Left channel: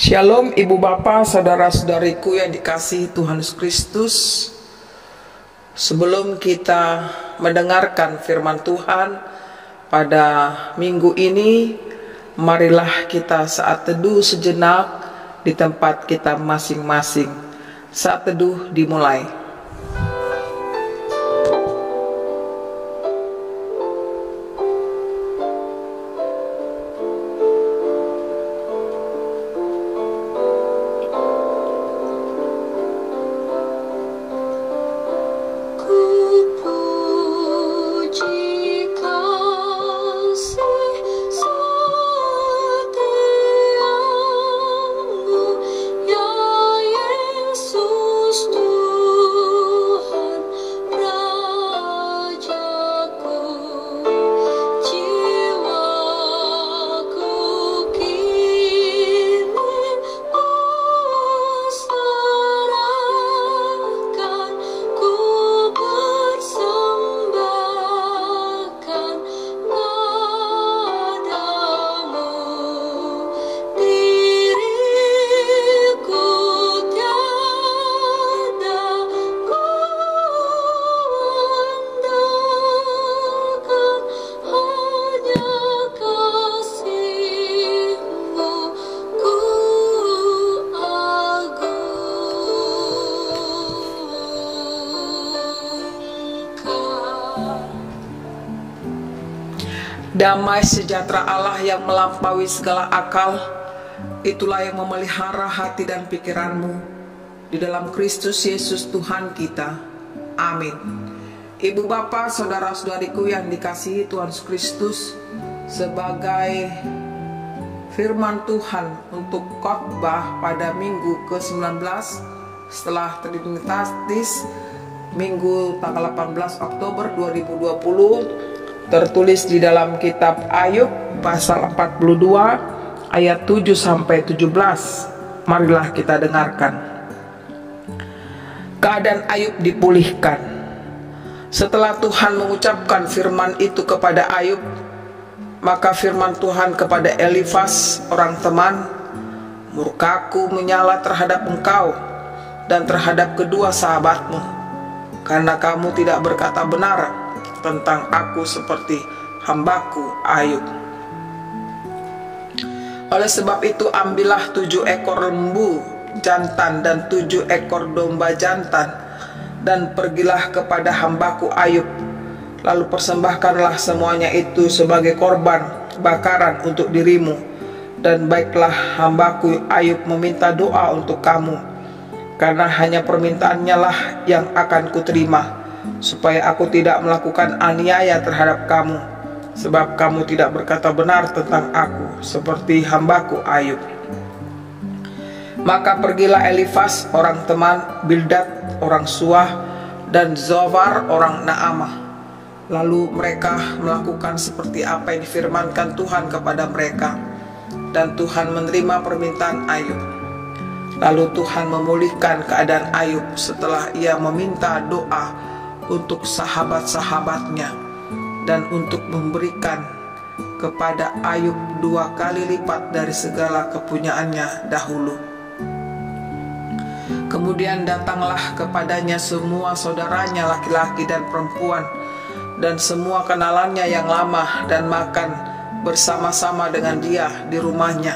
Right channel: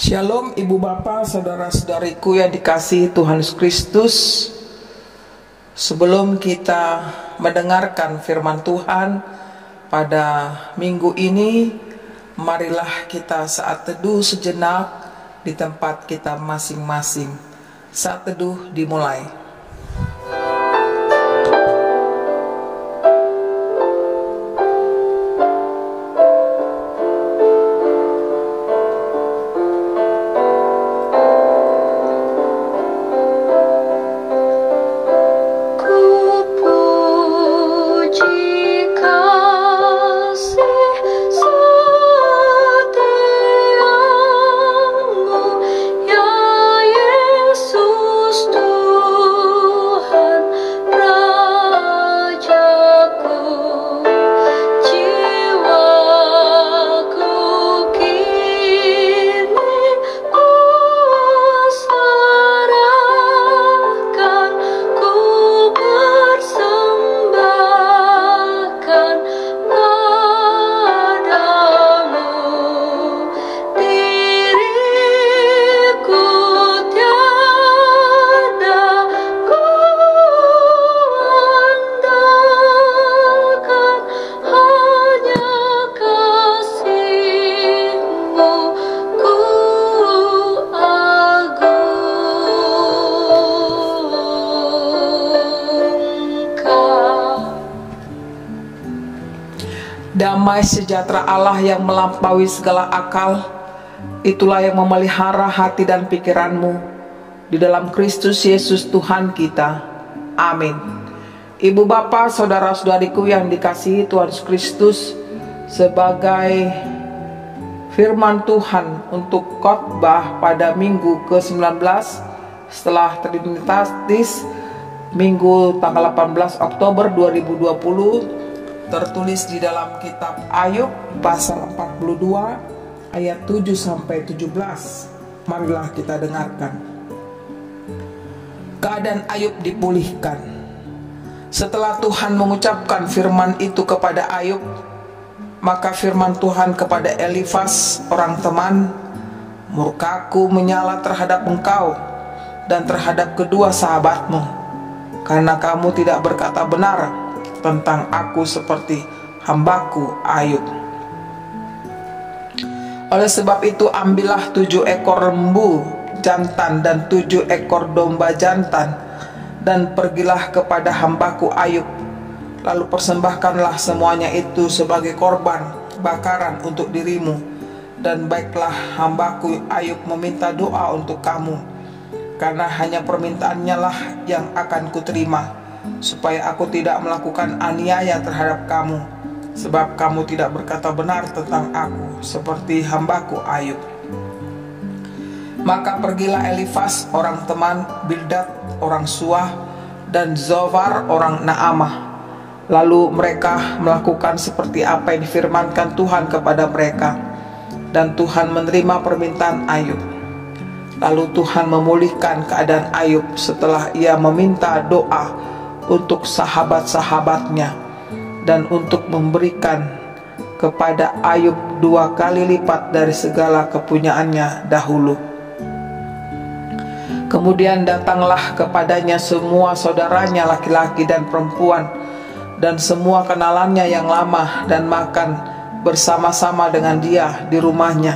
Shalom Ibu Bapa, Saudara-saudariku yang dikasihi Tuhan Yesus Kristus. Sebelum kita mendengarkan firman Tuhan pada minggu ini, marilah kita saat teduh sejenak di tempat kita masing-masing. Saat teduh dimulai. Damai sejahtera Allah yang melampaui segala akal, itulah yang memelihara hati dan pikiranmu di dalam Kristus Yesus Tuhan kita. Amin. Ibu Bapa, saudara-saudariku yang dikasihi Tuhan Yesus Kristus, sebagai firman Tuhan untuk khotbah pada minggu ke-19 setelah Trinitatis, minggu tanggal 18 Oktober 2020, tertulis di dalam kitab Ayub pasal 42 ayat 7 sampai 17. Marilah kita dengarkan. Keadaan Ayub dipulihkan. Setelah Tuhan mengucapkan firman itu kepada Ayub, maka firman Tuhan kepada Elifas orang teman, "Murkaku menyala terhadap engkau dan terhadap kedua sahabatmu, karena kamu tidak berkata benar tentang aku seperti hambaku Ayub. Oleh sebab itu ambillah 7 ekor lembu jantan dan 7 ekor domba jantan, dan pergilah kepada hambaku Ayub. Lalu persembahkanlah semuanya itu sebagai korban bakaran untuk dirimu, dan baiklah hambaku Ayub meminta doa untuk kamu, karena hanya permintaannya lah yang akan kuterima, supaya aku tidak melakukan aniaya terhadap kamu, sebab kamu tidak berkata benar tentang aku seperti hambaku Ayub." Maka pergilah Elifas orang teman, Bildad orang Suah, dan Zophar orang Naamah. Lalu mereka melakukan seperti apa yang difirmankan Tuhan kepada mereka, dan Tuhan menerima permintaan Ayub. Lalu Tuhan memulihkan keadaan Ayub setelah ia meminta doa untuk sahabat-sahabatnya, dan untuk memberikan kepada Ayub 2 kali lipat dari segala kepunyaannya dahulu. Kemudian datanglah kepadanya semua saudaranya laki-laki dan perempuan, dan semua kenalannya yang lama, dan makan bersama-sama dengan dia di rumahnya.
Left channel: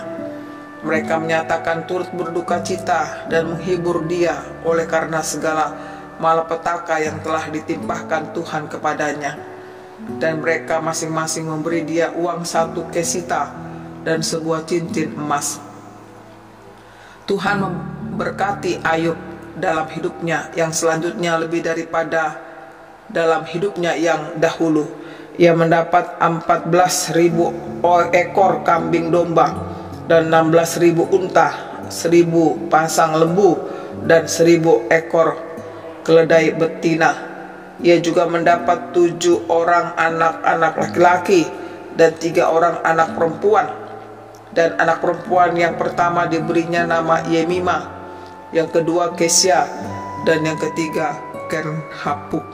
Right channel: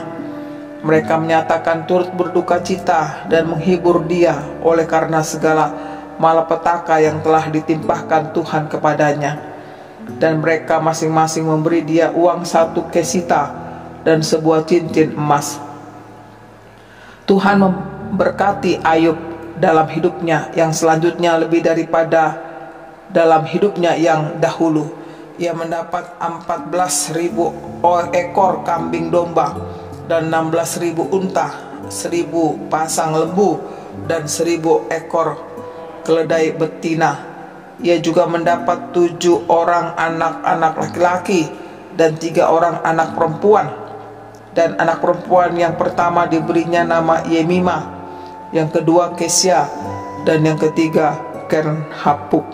Mereka menyatakan turut berduka cita dan menghibur dia oleh karena segala malapetaka yang telah ditimpahkan Tuhan kepadanya. Dan mereka masing-masing memberi dia uang 1 kesita dan sebuah cincin emas. Tuhan memberkati Ayub dalam hidupnya yang selanjutnya lebih daripada dalam hidupnya yang dahulu. Ia mendapat 14.000 ekor kambing domba dan 16.000 unta, 1.000 pasang lembu, dan 1.000 ekor keledai betina. Ia juga mendapat 7 orang anak-anak laki-laki dan 3 orang anak perempuan. Dan anak perempuan yang pertama diberinya nama Yemima, yang kedua Kesya, dan yang ketiga Kernhapuk.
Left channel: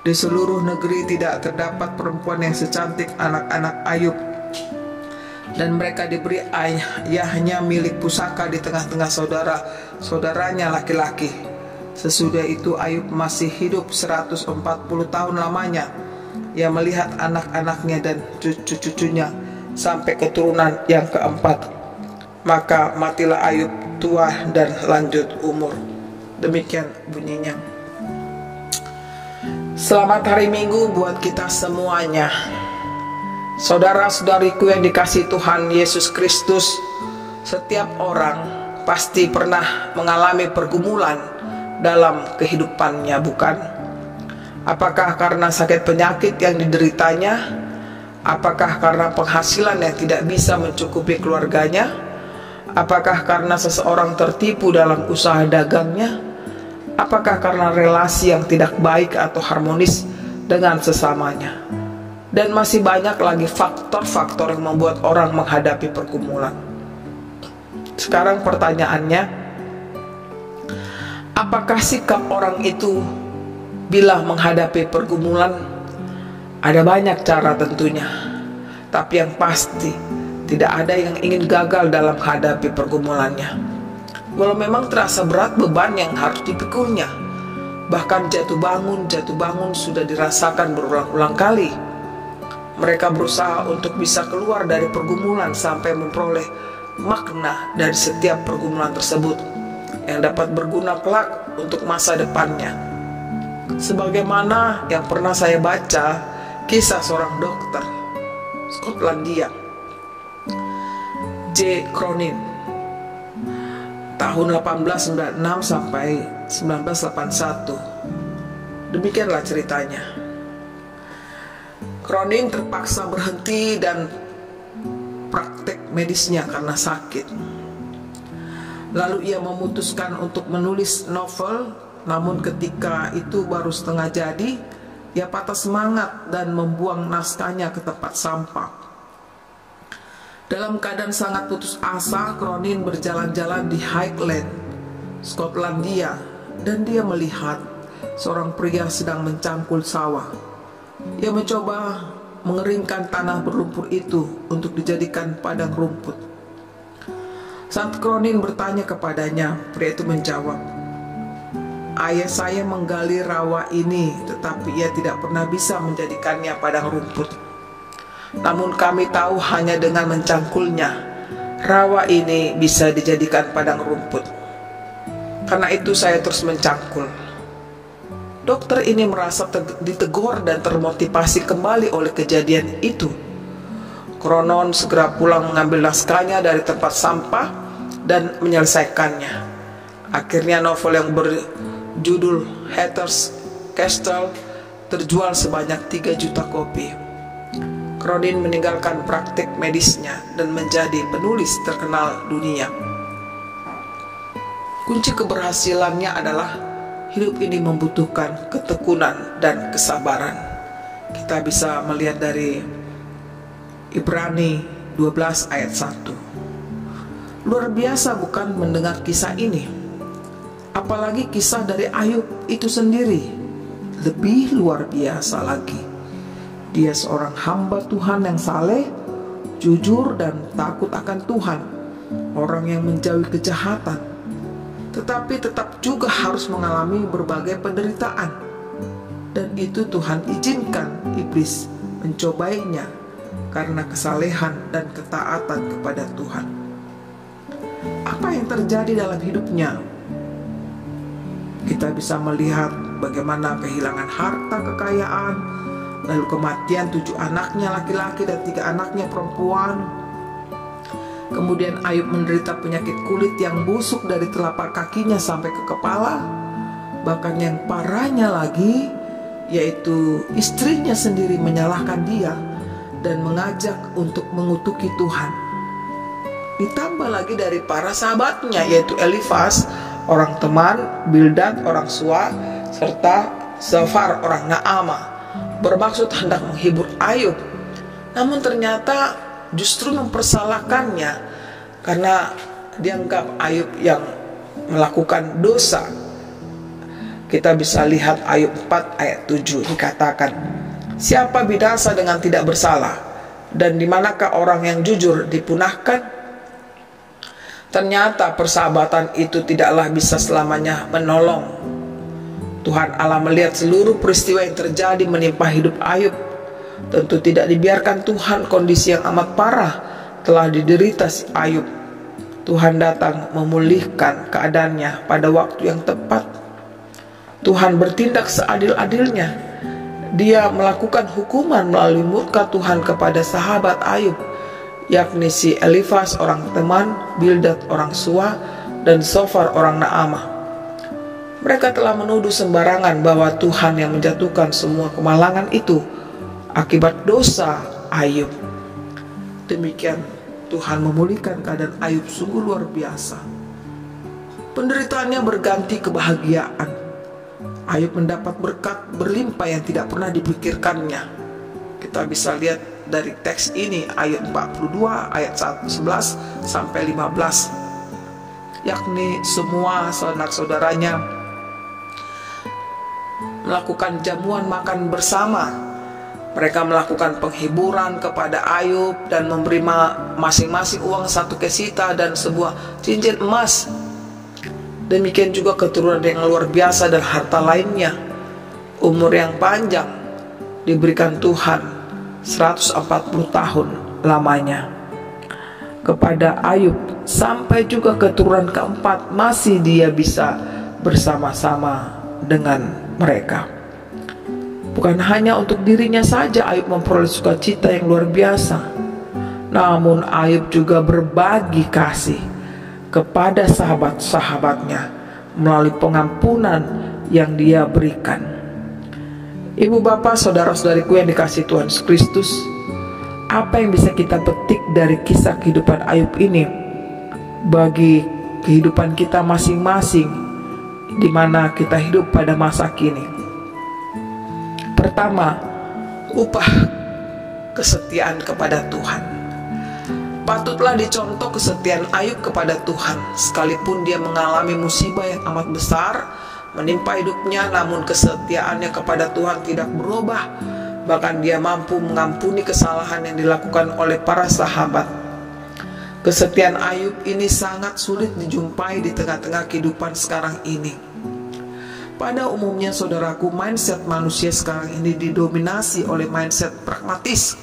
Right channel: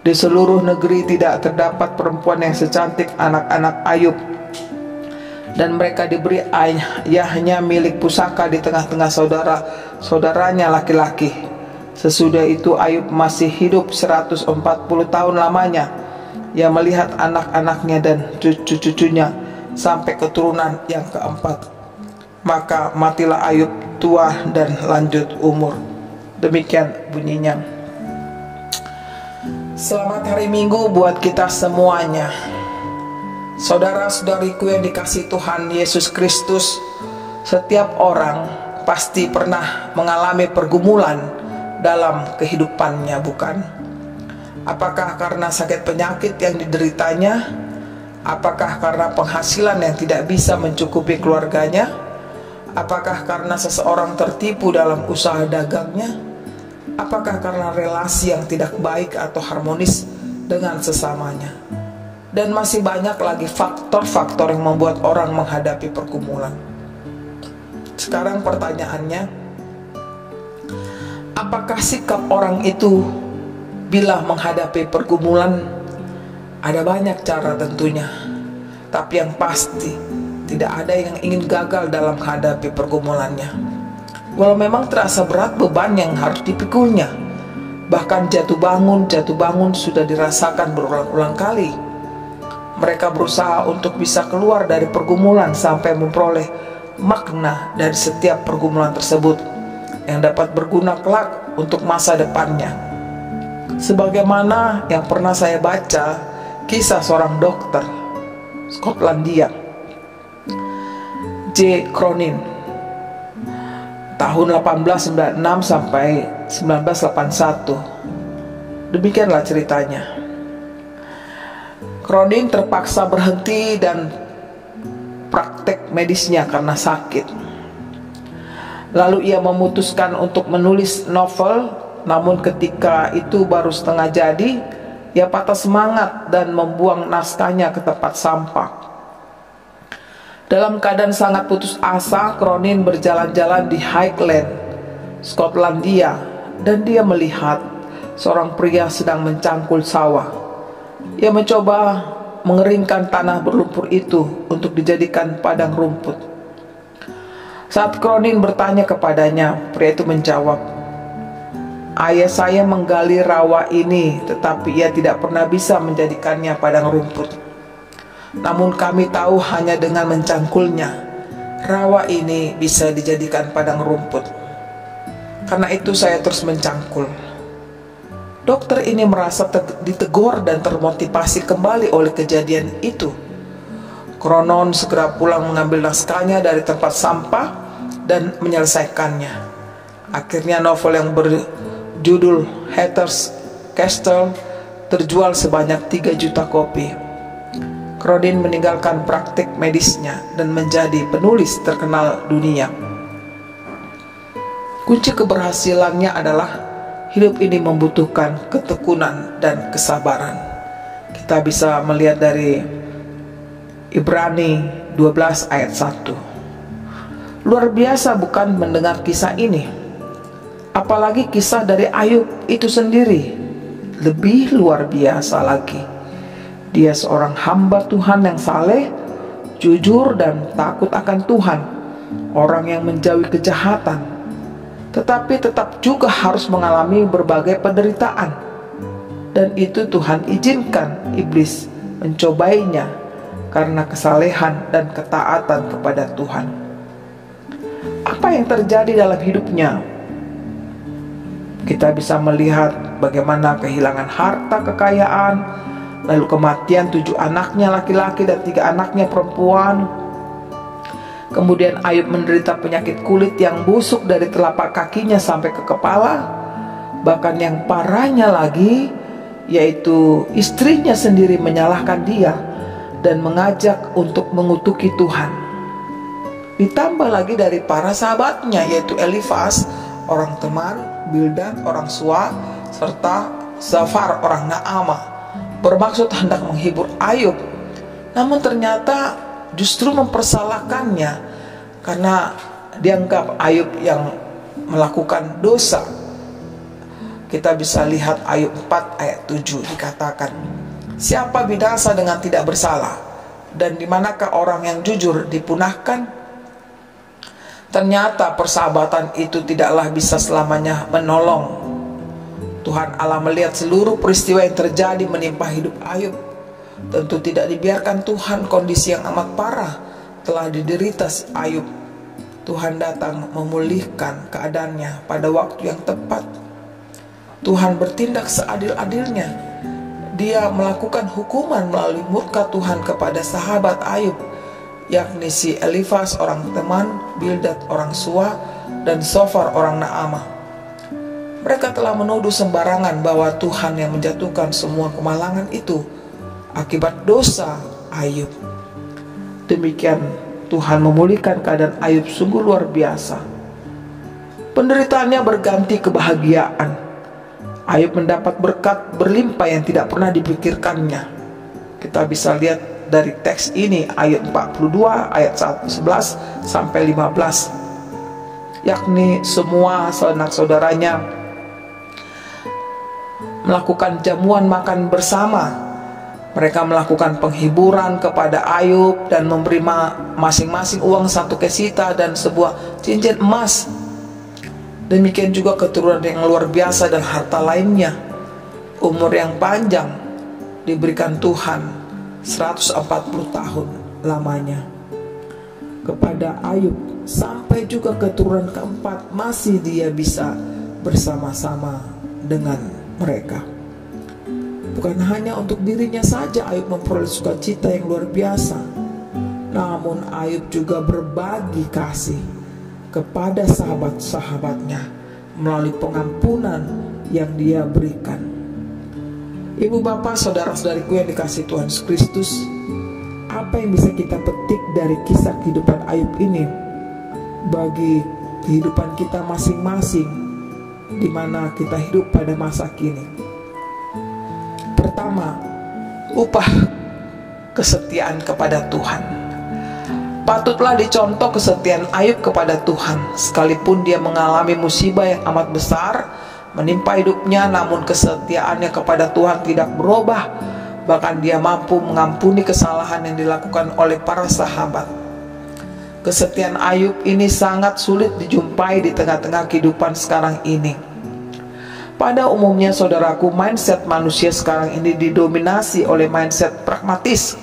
Di seluruh negeri tidak terdapat perempuan yang secantik anak-anak Ayub. dan mereka diberi ayahnya milik pusaka di tengah-tengah saudara-saudaranya laki-laki. Sesudah itu Ayub masih hidup 140 tahun lamanya. Ia melihat anak-anaknya dan cucu-cucunya sampai keturunan yang keempat. Maka matilah Ayub tua dan lanjut umur. Demikian bunyinya. Selamat hari Minggu buat kita semuanya. Saudara-saudariku yang dikasihi Tuhan Yesus Kristus, setiap orang pasti pernah mengalami pergumulan dalam kehidupannya, bukan? Apakah karena sakit penyakit yang dideritanya? Apakah karena penghasilan yang tidak bisa mencukupi keluarganya? Apakah karena seseorang tertipu dalam usaha dagangnya? Apakah karena relasi yang tidak baik atau harmonis dengan sesamanya? Dan masih banyak lagi faktor-faktor yang membuat orang menghadapi pergumulan. Sekarang pertanyaannya, apakah sikap orang itu bila menghadapi pergumulan? Ada banyak cara tentunya, tapi yang pasti tidak ada yang ingin gagal dalam menghadapi pergumulannya. Walau memang terasa berat beban yang harus dipikulnya, bahkan jatuh bangun sudah dirasakan berulang-ulang kali. Mereka berusaha untuk bisa keluar dari pergumulan sampai memperoleh makna dari setiap pergumulan tersebut yang dapat berguna kelak untuk masa depannya. Sebagaimana yang pernah saya baca kisah seorang dokter Skotlandia, J. Cronin, tahun 1896 sampai 1981. Demikianlah ceritanya. Cronin terpaksa berhenti dan praktek medisnya karena sakit. Lalu ia memutuskan untuk menulis novel, namun ketika itu baru setengah jadi, ia patah semangat dan membuang naskahnya ke tempat sampah. Dalam keadaan sangat putus asa, Cronin berjalan-jalan di Highland, Skotlandia, dan dia melihat seorang pria sedang mencangkul sawah. Ia mencoba mengeringkan tanah berlumpur itu untuk dijadikan padang rumput. Saat Cronin bertanya kepadanya, pria itu menjawab, "Ayah saya menggali rawa ini, tetapi ia tidak pernah bisa menjadikannya padang rumput. Namun kami tahu hanya dengan mencangkulnya, rawa ini bisa dijadikan padang rumput. Karena itu saya terus mencangkul." Dokter ini merasa ditegur dan termotivasi kembali oleh kejadian itu. Cronin segera pulang mengambil naskahnya dari tempat sampah dan menyelesaikannya. Akhirnya novel yang berjudul Hatter's Castle terjual sebanyak 3 juta kopi. Cronin meninggalkan praktik medisnya dan menjadi penulis terkenal dunia. Kunci keberhasilannya adalah hidup ini membutuhkan ketekunan dan kesabaran. Kita bisa melihat dari Ibrani 12 ayat 1. Luar biasa bukan mendengar kisah ini? Apalagi kisah dari Ayub itu sendiri. Lebih luar biasa lagi. Dia seorang hamba Tuhan yang saleh, jujur dan takut akan Tuhan. Orang yang menjauhi kejahatan, tetapi tetap juga harus mengalami berbagai penderitaan. Dan itu Tuhan izinkan iblis mencobainya karena kesalehan dan ketaatan kepada Tuhan. Apa yang terjadi dalam hidupnya? Kita bisa melihat bagaimana kehilangan harta kekayaan, lalu kematian 7 anaknya laki-laki dan 3 anaknya perempuan. Kemudian Ayub menderita penyakit kulit yang busuk dari telapak kakinya sampai ke kepala. Bahkan yang parahnya lagi, yaitu istrinya sendiri menyalahkan dia dan mengajak untuk mengutuki Tuhan. Ditambah lagi dari para sahabatnya, yaitu Elifaz, orang teman, Bildad, orang Sua, serta Zafar, orang Naama, bermaksud hendak menghibur Ayub. Namun ternyata justru mempersalahkannya karena dianggap Ayub yang melakukan dosa. Kita bisa lihat Ayub 4 ayat 7 dikatakan, "Siapa binasa dengan tidak bersalah? Dan di manakah orang yang jujur dipunahkan? Ternyata persahabatan itu tidaklah bisa selamanya menolong. Tuhan Allah melihat seluruh peristiwa yang terjadi menimpa hidup Ayub. Tentu tidak dibiarkan Tuhan kondisi yang amat parah telah diderita si Ayub. Tuhan datang memulihkan keadaannya pada waktu yang tepat. Tuhan bertindak seadil-adilnya. Dia melakukan hukuman melalui murka Tuhan kepada sahabat Ayub, yakni si Elifas orang teman, Bildad orang Sua, dan Sofar orang Naamah. Mereka telah menuduh sembarangan bahwa Tuhan yang menjatuhkan semua kemalangan itu akibat dosa Ayub. Demikian Tuhan memulihkan keadaan Ayub sungguh luar biasa. Penderitaannya berganti kebahagiaan. Ayub mendapat berkat berlimpah yang tidak pernah dipikirkannya. Kita bisa lihat dari teks ini, ayat 42 ayat 11 sampai 15, yakni semua sanak saudaranya melakukan jamuan makan bersama. Mereka melakukan penghiburan kepada Ayub dan memberi masing-masing uang 1 kesita dan sebuah cincin emas. Demikian juga keturunan yang luar biasa dan harta lainnya. Umur yang panjang diberikan Tuhan, 140 tahun lamanya kepada Ayub, sampai juga keturunan keempat masih dia bisa bersama-sama dengan mereka. Bukan hanya untuk dirinya saja Ayub memperoleh sukacita yang luar biasa, namun Ayub juga berbagi kasih kepada sahabat-sahabatnya melalui pengampunan yang dia berikan. Ibu bapak, saudara-saudariku yang dikasihi Tuhan Yesus Kristus, apa yang bisa kita petik dari kisah kehidupan Ayub ini bagi kehidupan kita masing-masing di mana kita hidup pada masa kini? Pertama, upah kesetiaan kepada Tuhan. Patutlah dicontoh kesetiaan Ayub kepada Tuhan. Sekalipun dia mengalami musibah yang amat besar menimpa hidupnya, namun kesetiaannya kepada Tuhan tidak berubah. Bahkan dia mampu mengampuni kesalahan yang dilakukan oleh para sahabat. Kesetiaan Ayub ini sangat sulit dijumpai di tengah-tengah kehidupan sekarang ini. Pada umumnya saudaraku, mindset manusia sekarang ini didominasi oleh mindset pragmatis.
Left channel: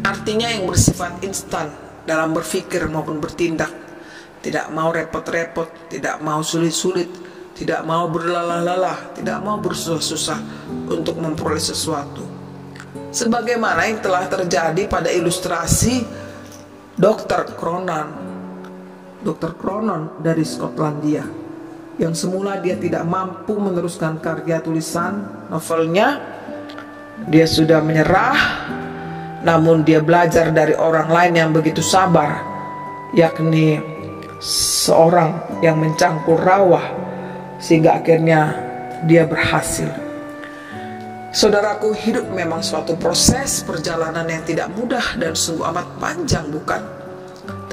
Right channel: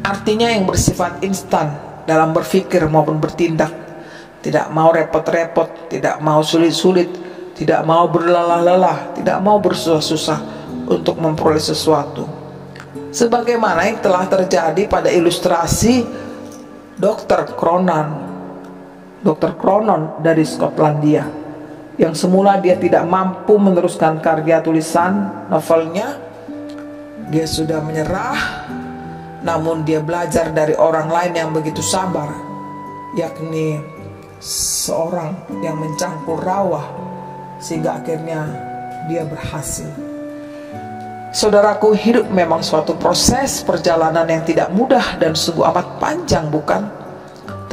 Artinya yang bersifat instan dalam berpikir maupun bertindak. Tidak mau repot-repot, tidak mau sulit-sulit, tidak mau berlelah-lelah, tidak mau bersusah-susah untuk memperoleh sesuatu. Sebagaimana yang telah terjadi pada ilustrasi Dr. Cronon dari Skotlandia, yang semula dia tidak mampu meneruskan karya tulisan novelnya. Dia sudah menyerah, namun dia belajar dari orang lain yang begitu sabar, yakni seorang yang mencangkul rawa, sehingga akhirnya dia berhasil. Saudaraku, hidup memang suatu proses perjalanan yang tidak mudah dan sungguh amat panjang, bukan?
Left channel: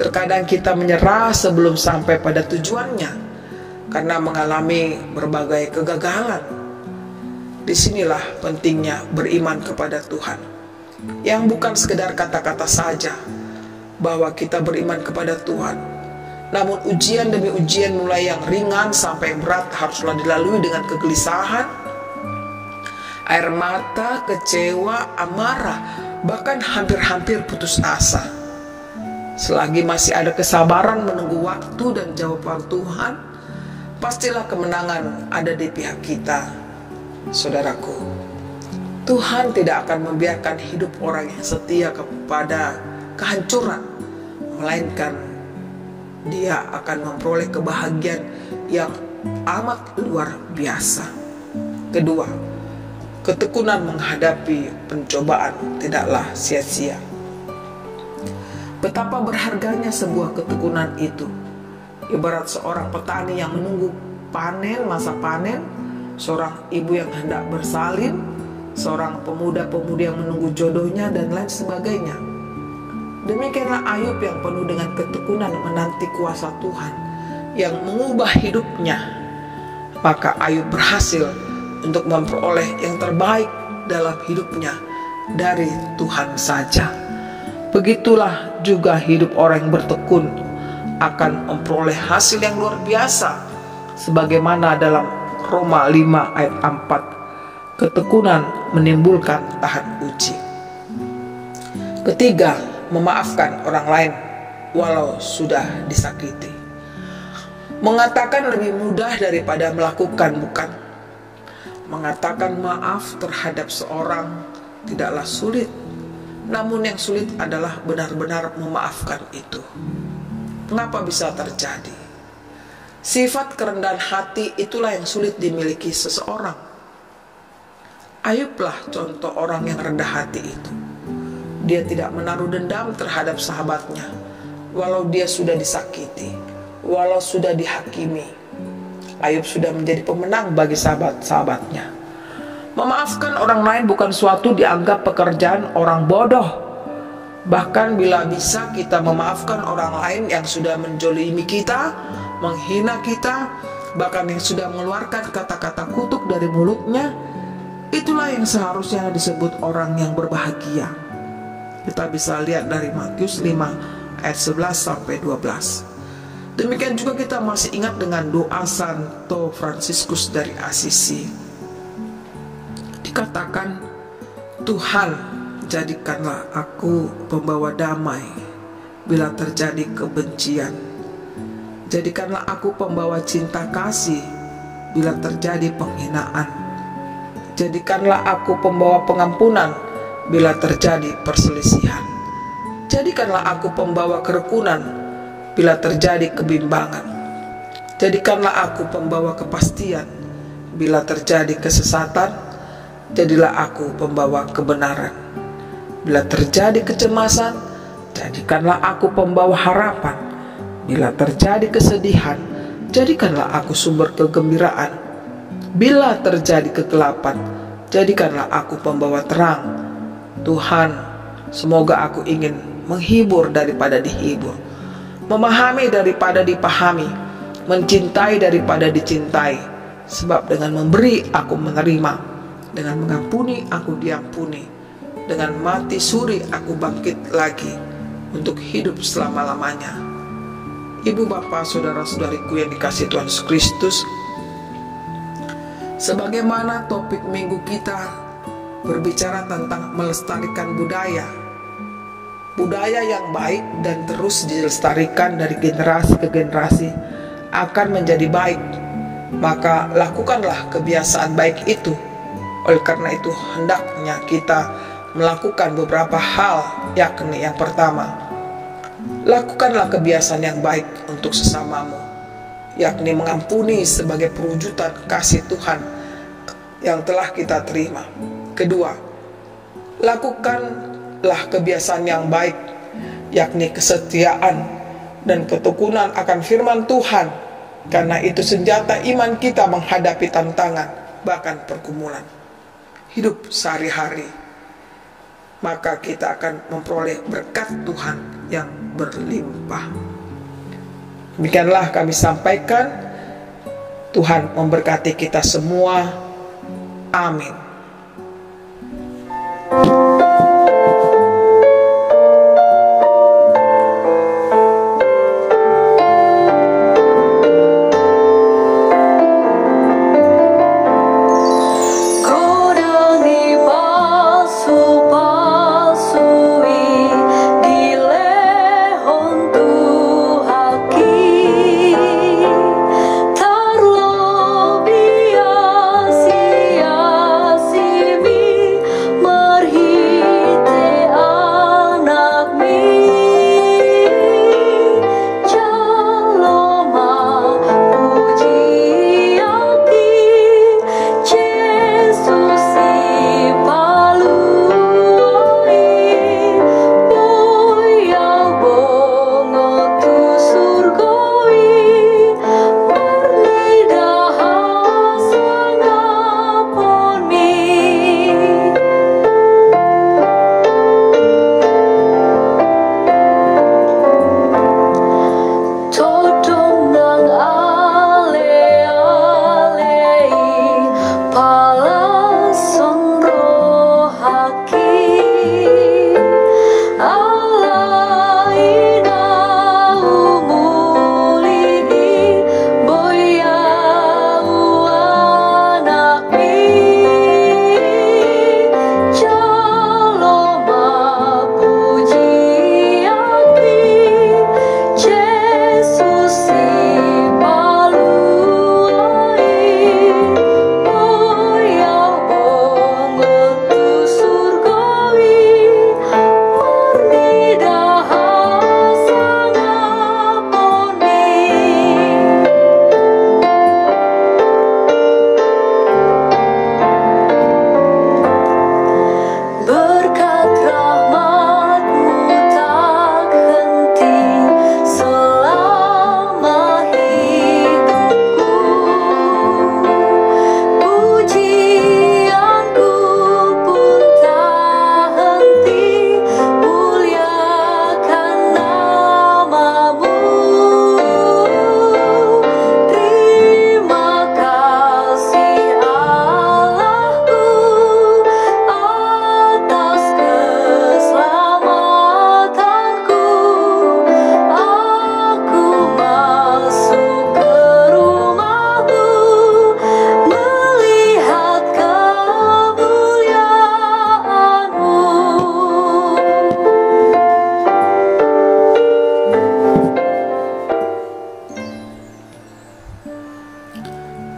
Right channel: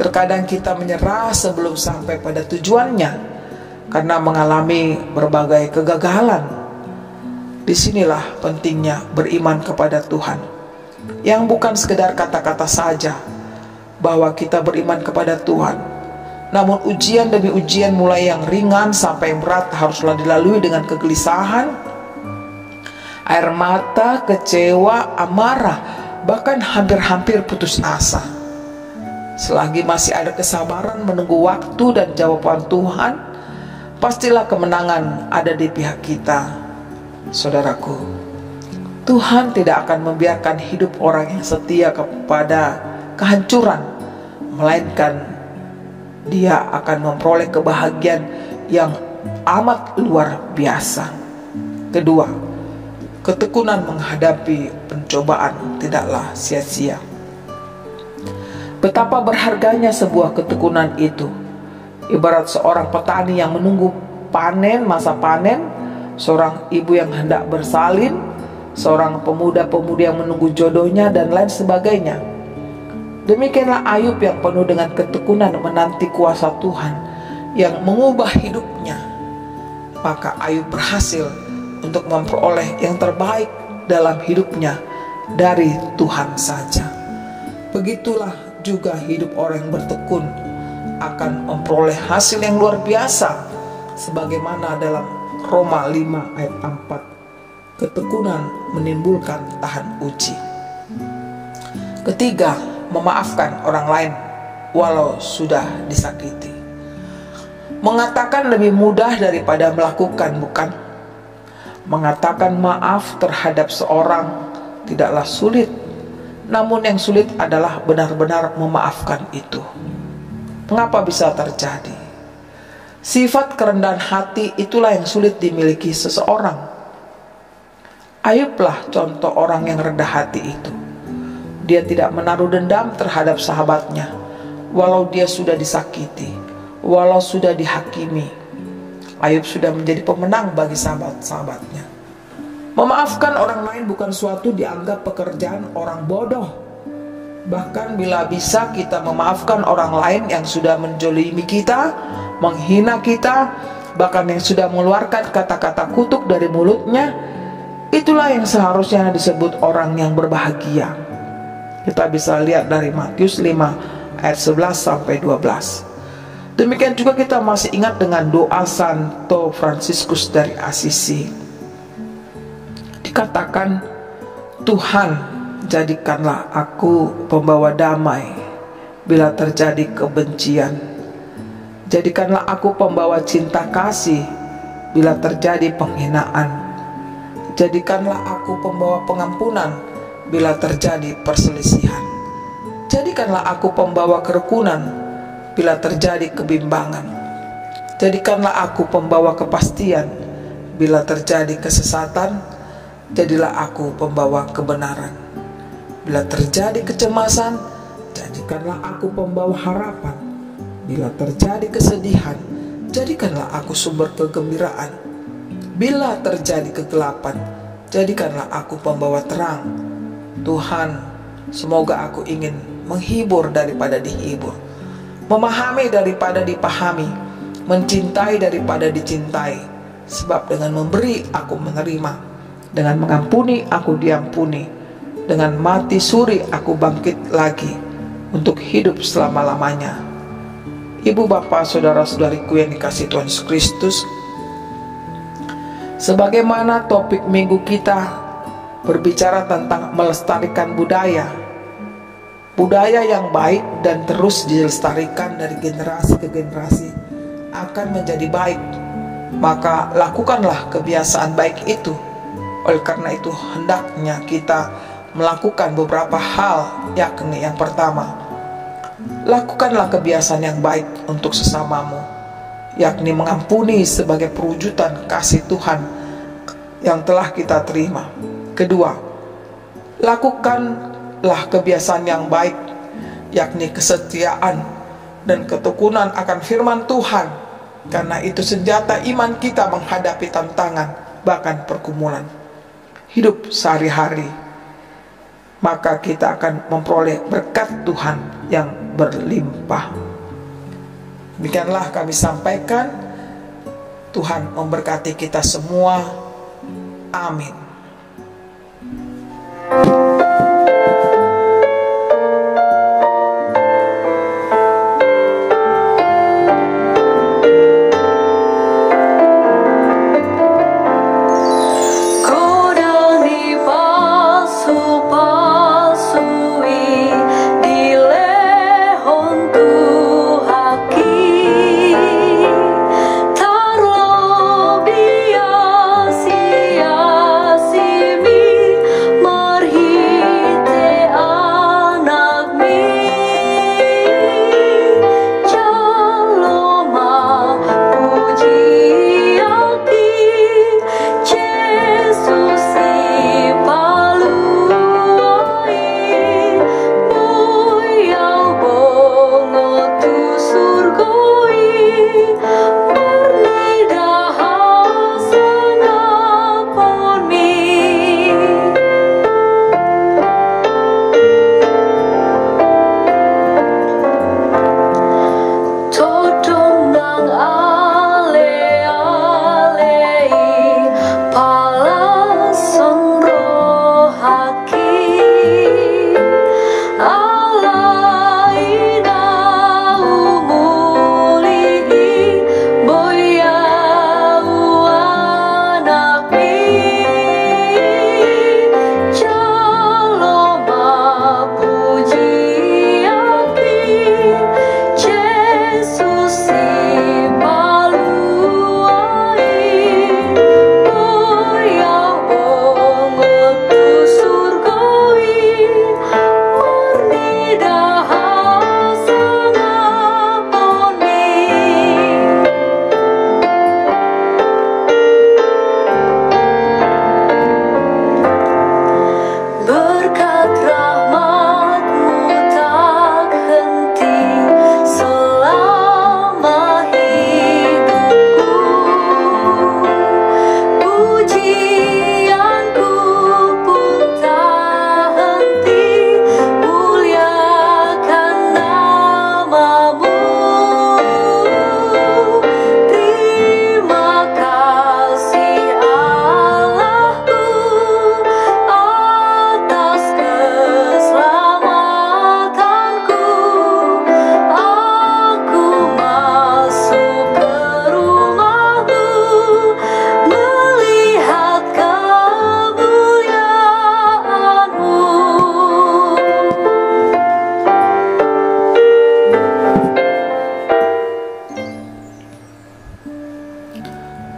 Terkadang kita menyerah sebelum sampai pada tujuannya karena mengalami berbagai kegagalan. Disinilah pentingnya beriman kepada Tuhan, yang bukan sekedar kata-kata saja bahwa kita beriman kepada Tuhan, namun ujian demi ujian, mulai yang ringan sampai yang berat, haruslah dilalui dengan kegelisahan, air mata, kecewa, amarah, bahkan hampir-hampir putus asa. Selagi masih ada kesabaran menunggu waktu dan jawaban Tuhan, pastilah kemenangan ada di pihak kita. Saudaraku, Tuhan tidak akan membiarkan hidup orang yang setia kepada kehancuran, melainkan dia akan memperoleh kebahagiaan yang amat luar biasa. Kedua, ketekunan menghadapi pencobaan tidaklah sia-sia. Betapa berharganya sebuah ketekunan itu. Ibarat seorang petani yang menunggu panen, masa panen, seorang ibu yang hendak bersalin, seorang pemuda-pemudi yang menunggu jodohnya, dan lain sebagainya. Demikianlah Ayub yang penuh dengan ketekunan menanti kuasa Tuhan yang mengubah hidupnya. Maka Ayub berhasil untuk memperoleh yang terbaik dalam hidupnya, dari Tuhan saja. Begitulah juga hidup orang yang bertekun akan memperoleh hasil yang luar biasa, sebagaimana dalam Roma 5 ayat 4, ketekunan menimbulkan tahan uji. Ketiga, memaafkan orang lain walau sudah disakiti. Mengatakan lebih mudah daripada melakukan, bukan? Mengatakan maaf terhadap seorang tidaklah sulit, namun yang sulit adalah benar-benar memaafkan itu. Mengapa bisa terjadi? Sifat kerendahan hati itulah yang sulit dimiliki seseorang. Ayublah contoh orang yang rendah hati itu. Dia tidak menaruh dendam terhadap sahabatnya, walau dia sudah disakiti, walau sudah dihakimi. Ayub sudah menjadi pemenang bagi sahabat-sahabatnya. Memaafkan orang lain bukan suatu dianggap pekerjaan orang bodoh. Bahkan bila bisa kita memaafkan orang lain yang sudah menjolimi kita, menghina kita, bahkan yang sudah mengeluarkan kata-kata kutuk dari mulutnya, itulah yang seharusnya disebut orang yang berbahagia. Kita bisa lihat dari Matius 5 ayat 11 sampai 12. Demikian juga kita masih ingat dengan doa Santo Fransiskus dari Assisi. Dikatakan, Tuhan, jadikanlah aku pembawa damai bila terjadi kebencian. Jadikanlah aku pembawa cinta kasih bila terjadi penghinaan. Jadikanlah aku pembawa pengampunan bila terjadi perselisihan. Jadikanlah aku pembawa kerukunan bila terjadi kebimbangan. Jadikanlah aku pembawa kepastian bila terjadi kesesatan. Jadilah aku pembawa kebenaran. Bila terjadi kecemasan, jadikanlah aku pembawa harapan. Bila terjadi kesedihan, jadikanlah aku sumber kegembiraan. Bila terjadi kegelapan, jadikanlah aku pembawa terang. Tuhan, semoga aku ingin menghibur daripada dihibur, memahami daripada dipahami, mencintai daripada dicintai. Sebab dengan memberi aku menerima, dengan mengampuni aku diampuni, dengan mati suri aku bangkit lagi untuk hidup selama-lamanya. Ibu, bapak, saudara-saudariku yang dikasihi Tuhan Yesus Kristus, sebagaimana topik minggu kita berbicara tentang melestarikan budaya yang baik dan terus dilestarikan dari generasi ke generasi akan menjadi baik, maka lakukanlah kebiasaan baik itu. Oleh karena itu hendaknya kita melakukan beberapa hal, yakni yang pertama, lakukanlah kebiasaan yang baik untuk sesamamu, yakni mengampuni sebagai perwujudan kasih Tuhan yang telah kita terima. Kedua, lakukanlah kebiasaan yang baik, yakni kesetiaan dan ketekunan akan firman Tuhan, karena itu senjata iman kita menghadapi tantangan, bahkan pergumulan hidup sehari-hari. Maka kita akan memperoleh berkat Tuhan yang berlimpah. Demikianlah kami sampaikan. Tuhan memberkati kita semua. Amin.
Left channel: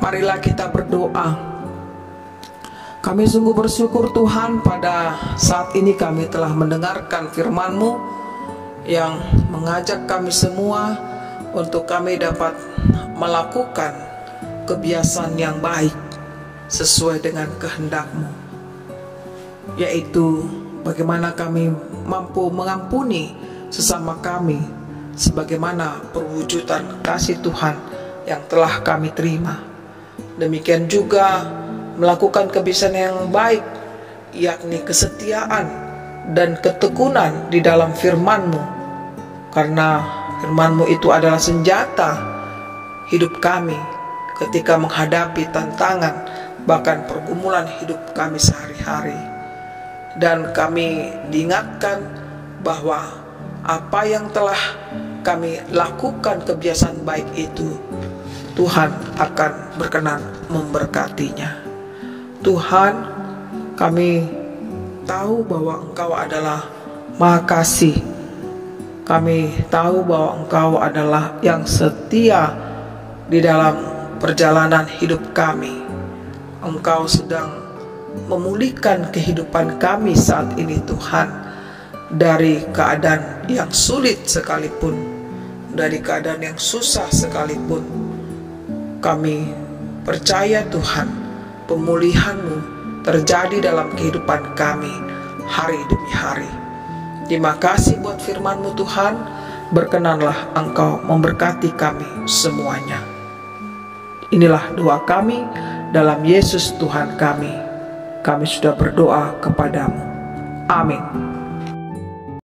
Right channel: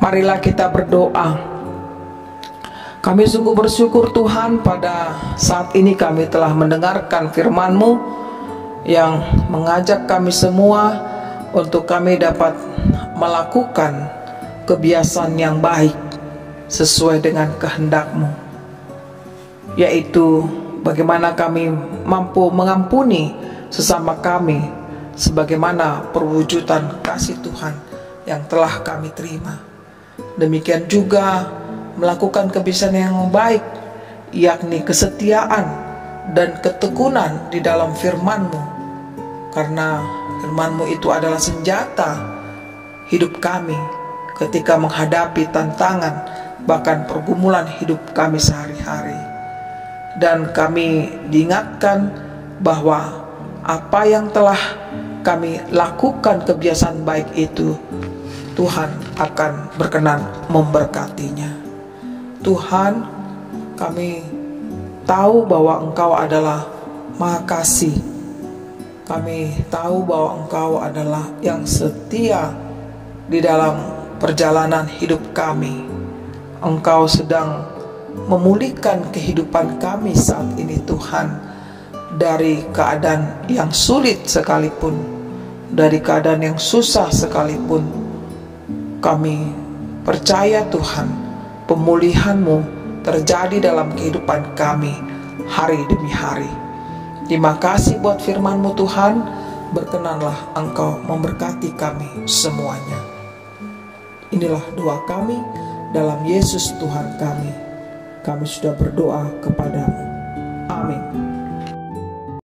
Marilah kita berdoa. Kami sungguh bersyukur Tuhan, pada saat ini kami telah mendengarkan firman-Mu yang mengajak kami semua untuk kami dapat melakukan kebiasaan yang baik sesuai dengan kehendak-Mu, yaitu bagaimana kami mampu mengampuni sesama kami sebagaimana perwujudan kasih Tuhan yang telah kami terima. Demikian juga melakukan kebiasaan yang baik, yakni kesetiaan dan ketekunan di dalam firman-Mu, karena firman-Mu itu adalah senjata hidup kami ketika menghadapi tantangan bahkan pergumulan hidup kami sehari-hari. Dan kami diingatkan bahwa apa yang telah kami lakukan kebiasaan baik itu, Tuhan akan berkenan memberkatinya. Tuhan, kami tahu bahwa Engkau adalah Maha Kasih. Kami tahu bahwa Engkau adalah yang setia di dalam perjalanan hidup kami. Engkau sedang memulihkan kehidupan kami saat ini Tuhan, dari keadaan yang sulit sekalipun, dari keadaan yang susah sekalipun. Kami percaya Tuhan, pemulihan-Mu terjadi dalam kehidupan kami hari demi hari. Terima kasih buat firman-Mu Tuhan. Berkenanlah Engkau memberkati kami semuanya. Inilah doa kami dalam Yesus Tuhan kami. Kami sudah berdoa kepadamu. Amin.